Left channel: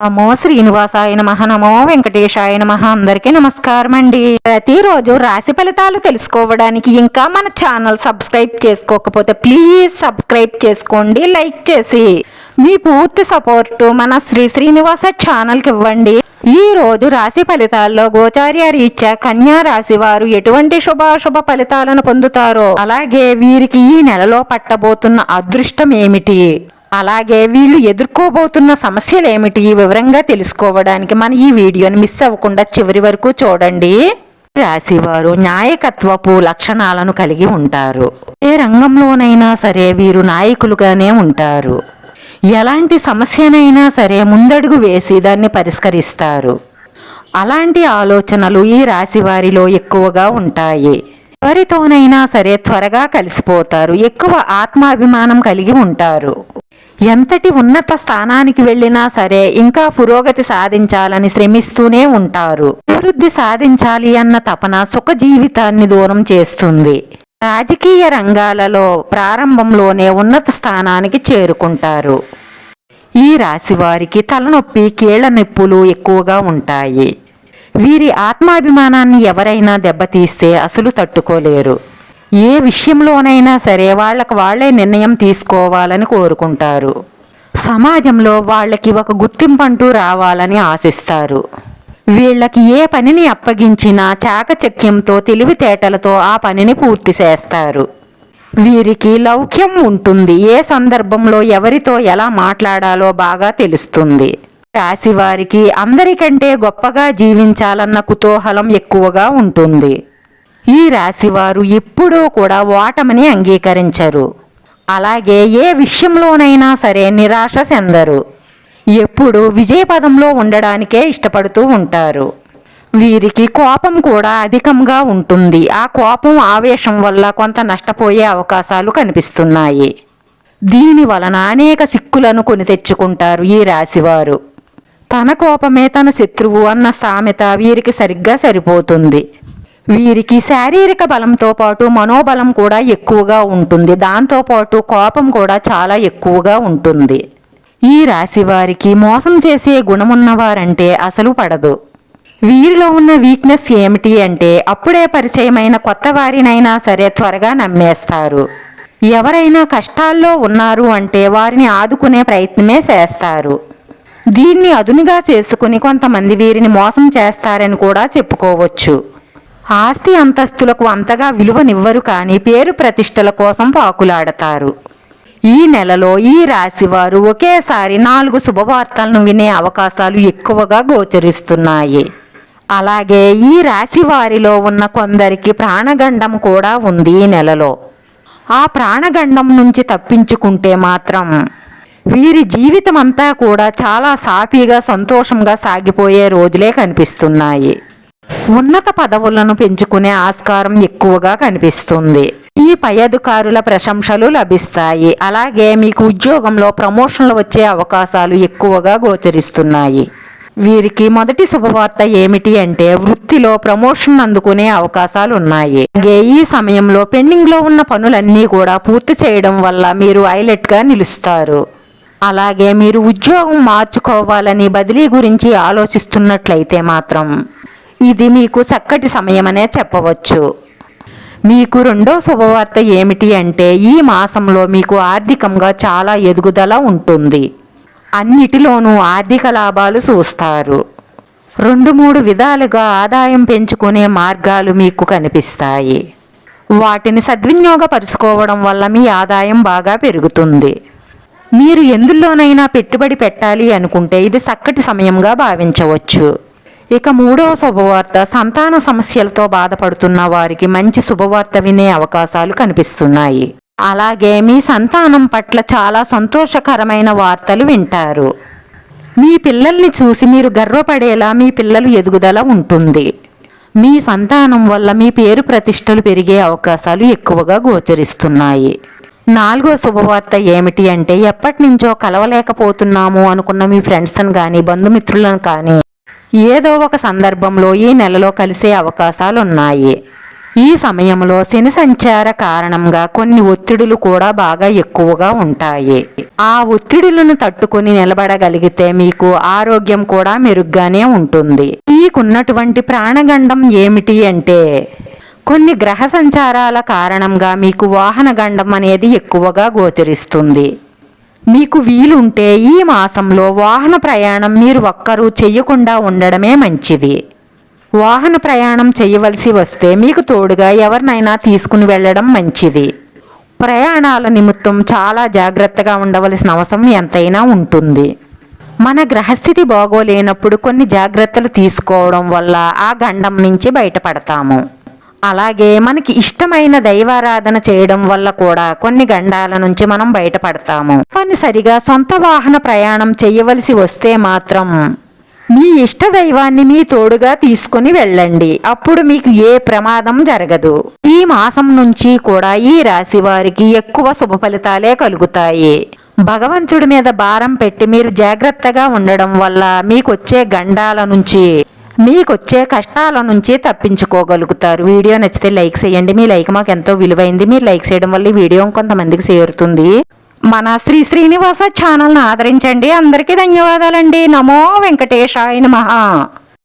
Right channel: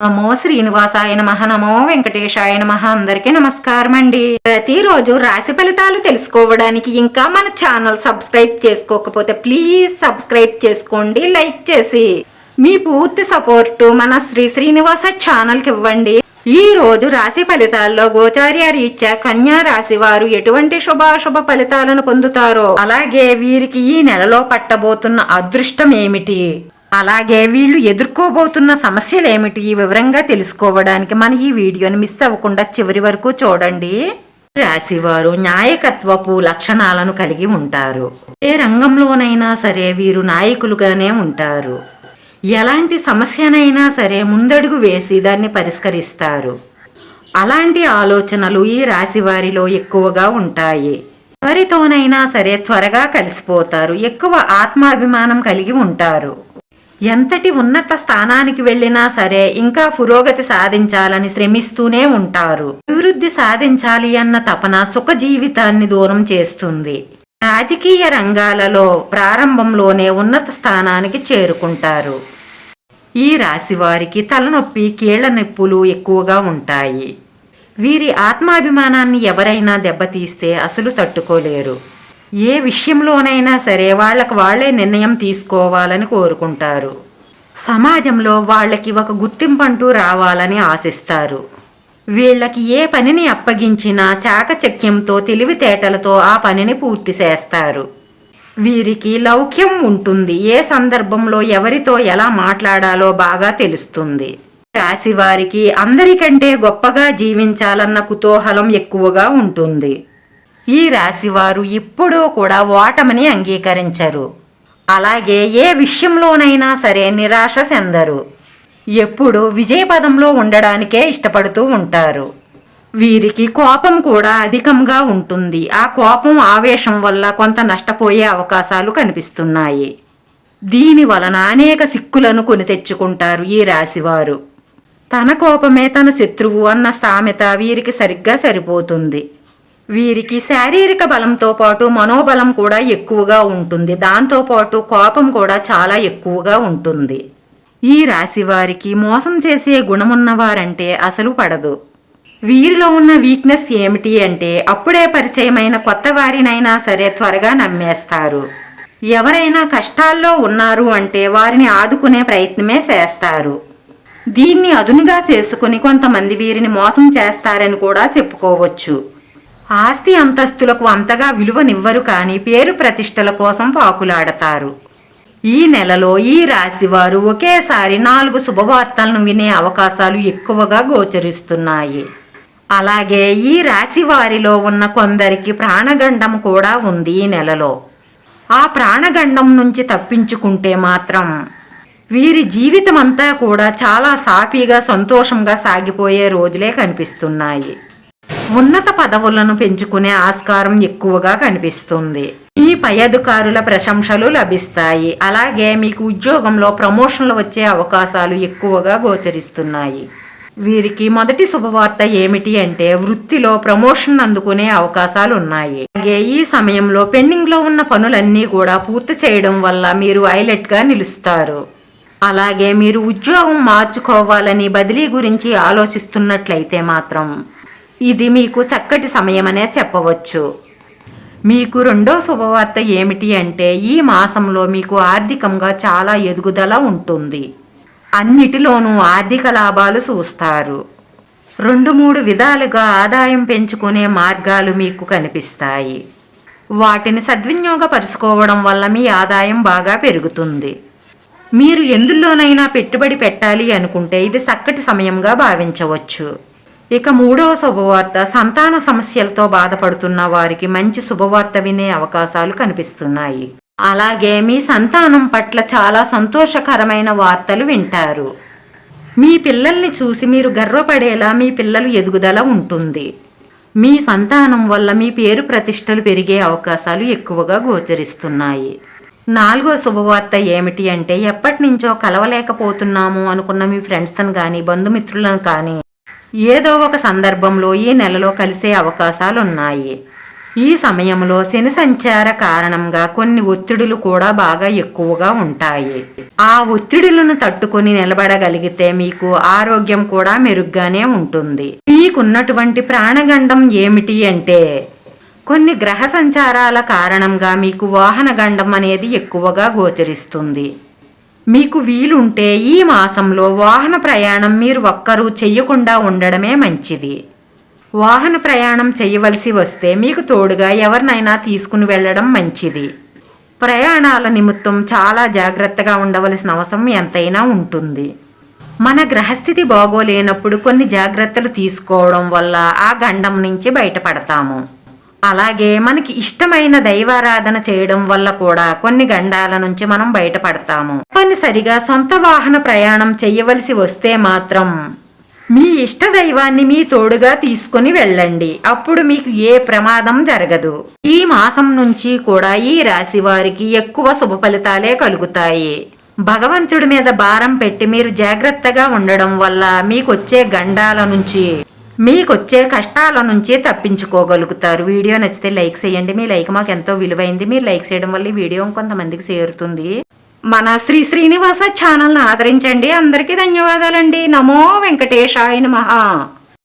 నమో శ్రీనివాసాయ నమ. నమో వెంకటేశాయ నమ. అందరికీ నమస్కారం అండి. ప్రతిరోజు రాశి ఫలితాలు తెలుసుకోవడానికి ఇంకా మన ఛానల్ సబ్స్క్రైబ్ చేసుకోకపోతే ప్లీజ్ సబ్స్క్రైబ్ చేసుకోండి లైక్ చేసి. మీ పూర్తి సపోర్టు మన శ్రీ శ్రీనివాస ఛానల్కి ఇవ్వండి. ఈ రోజు రాశి ఫలితాల్లో గోచార్య రీత్యా కన్యా రాశి వారు ఎటువంటి శుభాశుభ ఫలితాలను పొందుతారో అలాగే వీరికి ఈ నెలలో పట్టబోతున్న అదృష్టం ఏమిటి? అలాగే వీళ్ళు ఎదుర్కోబోతున్న సమస్యలు ఏమిటి వివరంగా తెలుసుకోవడానికి మన ఈ వీడియోని మిస్ అవ్వకుండా చివరి వరకు చూడండి. రాశివారు న్యాయకత్వపు లక్షణాలను కలిగి ఉంటారు. ఏ రంగంలోనైనా సరే వీరు నాయకులుగానే ఉంటారు. ఎలాంటి సమస్యనైనా సరే ముందడుగు వేసి దాన్ని పరిష్కరిస్తారు. అలాంటి ఆలోచనలు ఈ రాశి వారిలో ఎక్కువగా ఉంటాయి. ఎవరితోనైనా సరే త్వరగా కలిసిపోతారు. ఎక్కువ ఆత్మాభిమానం కలిగి ఉంటారు. ఎంతటి ఉన్నత స్థానానికి వెళ్ళినా సరే ఇంకా పురోగతి సాధించాలని శ్రమిస్తూనే ఉంటారు. అభివృద్ధి సాధించాలి అన్న తపన సుఖ జీవితాన్ని దూరం చేస్తుంది. రాజకీయ రంగాలలో ప్రారంభంలోనే ఉన్నత స్థానానికి చేరుకుంటారు. ఈ రాశి వారికి తలనొప్పి కీళ్ళ నొప్పులు ఎక్కువగా ఉంటాయి. వీరి ఆత్మాభిమానాన్ని ఎవరైనా దెబ్బతీస్తే అసలు తట్టుకోలేరు. ఏ విషయంలోనైనా సరే వాళ్ళకు వాళ్ళే నిర్ణయం తీసుకోవాలని కోరుకుంటారు. సమాజంలో వాళ్ళకి ఒక గుర్తింపంటూ రావాలని ఆశిస్తారు. వీళ్ళకి ఏ పనిని అప్పగించినా చాకచక్యంతో తెలివితేటలతో ఆ పనిని పూర్తి చేస్తారు. వీరికి లౌక్యం ఉంటుంది. ఏ సందర్భంలో ఎవరితో ఎలా మాట్లాడాలో బాగా తెలుస్తుంది. రాశివారికి అందరికంటే గొప్పగా జీవించాలన్న కుతూహలం ఎక్కువగా ఉంటుంది. ఈ రాశివారు ఎప్పుడూ కూడా ఓటమిని అంగీకరించరు. అలాగే ఏ విషయంలోనైనా సరే నిరాశ చెందరు. ఎప్పుడు విజయపదంలో ఉండడానికే ఇష్టపడుతూ ఉంటారు. వీరికి కోపం కూడా అధికంగా ఉంటుంది. ఆ కోపం ఆవేశం వల్ల కొంత నష్టపోయే అవకాశాలు కనిపిస్తున్నాయి. దీని వలన అనేక సిక్కులను కొని తెచ్చుకుంటారు ఈ రాశివారు. తన కోపమే తన శత్రువు అన్న సామెత వీరికి సరిగ్గా సరిపోతుంది. వీరికి శారీరక బలంతో పాటు మనోబలం కూడా ఎక్కువగా ఉంటుంది. దాంతోపాటు కోపం కూడా చాలా ఎక్కువగా ఉంటుంది. ఈ రాశి వారికి మోసం చేసే గుణమున్నవారంటే అసలు పడదు. వీరిలో ఉన్న వీక్నెస్ ఏమిటి అంటే అప్పుడే పరిచయమైన కొత్త వారినైనా సరే త్వరగా నమ్మేస్తారు. ఎవరైనా కష్టాల్లో ఉన్నారు అంటే వారిని ఆదుకునే ప్రయత్నమే చేస్తారు. దీన్ని అదునుగా చేసుకుని కొంతమంది వీరిని మోసం చేస్తారని కూడా చెప్పుకోవచ్చు. ఆస్తి అంతస్తులకు అంతగా విలువనివ్వరు కానీ పేరు ప్రతిష్టల కోసం పాకులాడతారు. ఈ నెలలో ఈ రాశి వారు ఒకేసారి నాలుగు శుభవార్తలను వినే అవకాశాలు ఎక్కువగా గోచరిస్తున్నాయి. అలాగే ఈ రాశి వారిలో ఉన్న కొందరికి ప్రాణగండం కూడా ఉంది ఈ నెలలో. ఆ ప్రాణగండం నుంచి తప్పించుకుంటే మాత్రం వీరి జీవితం అంతా కూడా చాలా సాఫీగా సంతోషంగా సాగిపోయే రోజులే కనిపిస్తున్నాయి. ఉన్నత పదవులను పెంచుకునే ఆస్కారం ఎక్కువగా కనిపిస్తుంది. ఈ పై అధికారుల ప్రశంసలు లభిస్తాయి. అలాగే మీకు ఉద్యోగంలో ప్రమోషన్లు వచ్చే అవకాశాలు ఎక్కువగా గోచరిస్తున్నాయి. వీరికి మొదటి శుభవార్త ఏమిటి అంటే వృత్తిలో ప్రమోషన్ అందుకునే అవకాశాలు ఉన్నాయి అలాగే ఈ సమయంలో పెండింగ్లో ఉన్న పనులన్నీ కూడా పూర్తి చేయడం వల్ల మీరు హైలైట్గా నిలుస్తారు. అలాగే మీరు ఉద్యోగం మార్చుకోవాలని బదిలీ గురించి ఆలోచిస్తున్నట్లయితే మాత్రం ఇది మీకు చక్కటి సమయమనే చెప్పవచ్చు. మీకు రెండో శుభవార్త ఏమిటి అంటే ఈ మాసంలో మీకు ఆర్థికంగా చాలా ఎదుగుదల ఉంటుంది. అన్నిటిలోనూ ఆర్థిక లాభాలు చూస్తారు. రెండు మూడు విధాలుగా ఆదాయం పెంచుకునే మార్గాలు మీకు కనిపిస్తాయి. వాటిని సద్వినియోగపరుచుకోవడం వల్ల మీ ఆదాయం బాగా పెరుగుతుంది. మీరు ఎందులోనైనా పెట్టుబడి పెట్టాలి అనుకుంటే ఇది చక్కటి సమయంగా భావించవచ్చు. ఇక మూడవ శుభవార్త సంతాన సమస్యలతో బాధపడుతున్న వారికి మంచి శుభవార్త వినే అవకాశాలు కనిపిస్తున్నాయి. అలాగే మీ సంతానం పట్ల చాలా సంతోషకరమైన వార్తలు వింటారు. మీ పిల్లల్ని చూసి మీరు గర్వపడేలా మీ పిల్లలు ఎదుగుదల ఉంటుంది. మీ సంతానం వల్ల మీ పేరు ప్రతిష్టలు పెరిగే అవకాశాలు ఎక్కువగా గోచరిస్తున్నాయి. నాలుగో శుభవార్త ఏమిటి అంటే ఎప్పటి నుంచో కలవలేకపోతున్నాము అనుకున్న మీ ఫ్రెండ్స్ని కానీ బంధుమిత్రులను కానీ ఏదో ఒక సందర్భంలో ఈ నెలలో కలిసే అవకాశాలు ఉన్నాయి ఈ సమయంలో శని సంచార కారణంగా కొన్ని ఒత్తిడులు కూడా బాగా ఎక్కువగా ఉంటాయి. ఆ ఒత్తిడులను తట్టుకుని నిలబడగలిగితే మీకు ఆరోగ్యం కూడా మెరుగ్గానే ఉంటుంది. మీకున్నటువంటి ప్రాణగండం ఏమిటి అంటే కొన్ని గ్రహ సంచారాల కారణంగా మీకు వాహన గండం అనేది ఎక్కువగా గోచరిస్తుంది. మీకు వీలుంటే ఈ మాసంలో వాహన ప్రయాణం మీరు ఒక్కరూ చెయ్యకుండా ఉండడమే మంచిది. వాహన ప్రయాణం చేయవలసి వస్తే మీకు తోడుగా ఎవరినైనా తీసుకుని వెళ్ళడం మంచిది. ప్రయాణాల నిమిత్తం చాలా జాగ్రత్తగా ఉండవలసిన అవసరం ఎంతైనా ఉంటుంది. మన గ్రహస్థితి బాగోలేనప్పుడు కొన్ని జాగ్రత్తలు తీసుకోవడం వల్ల ఆ గండం నుంచి బయటపడతాము. అలాగే మనకి ఇష్టమైన దైవారాధన చేయడం వల్ల కూడా కొన్ని గండాల నుంచి మనం బయటపడతాము. తప్పనిసరిగా సొంత వాహన ప్రయాణం చేయవలసి వస్తే మాత్రం మీ ఇష్ట దైవాన్ని మీ తోడుగా తీసుకుని వెళ్ళండి. అప్పుడు మీకు ఏ ప్రమాదం జరగదు. ఈ మాసం నుంచి కూడా ఈ రాశి వారికి ఎక్కువ శుభ ఫలితాలే కలుగుతాయి. భగవంతుడి మీద భారం పెట్టి మీరు జాగ్రత్తగా ఉండడం వల్ల మీకొచ్చే గండాల నుంచి మీకొచ్చే కష్టాల నుంచి తప్పించుకోగలుగుతారు. వీడియో నచ్చితే లైక్ చేయండి. మీ లైక్ మాకు ఎంతో విలువైంది. మీరు లైక్ చేయడం వల్ల ఈ వీడియో కొంతమందికి చేరుతుంది. మన శ్రీ శ్రీనివాస ఛానల్ని ఆదరించండి. అందరికీ ధన్యవాదాలండి. నమో వెంకటేశాయ మహా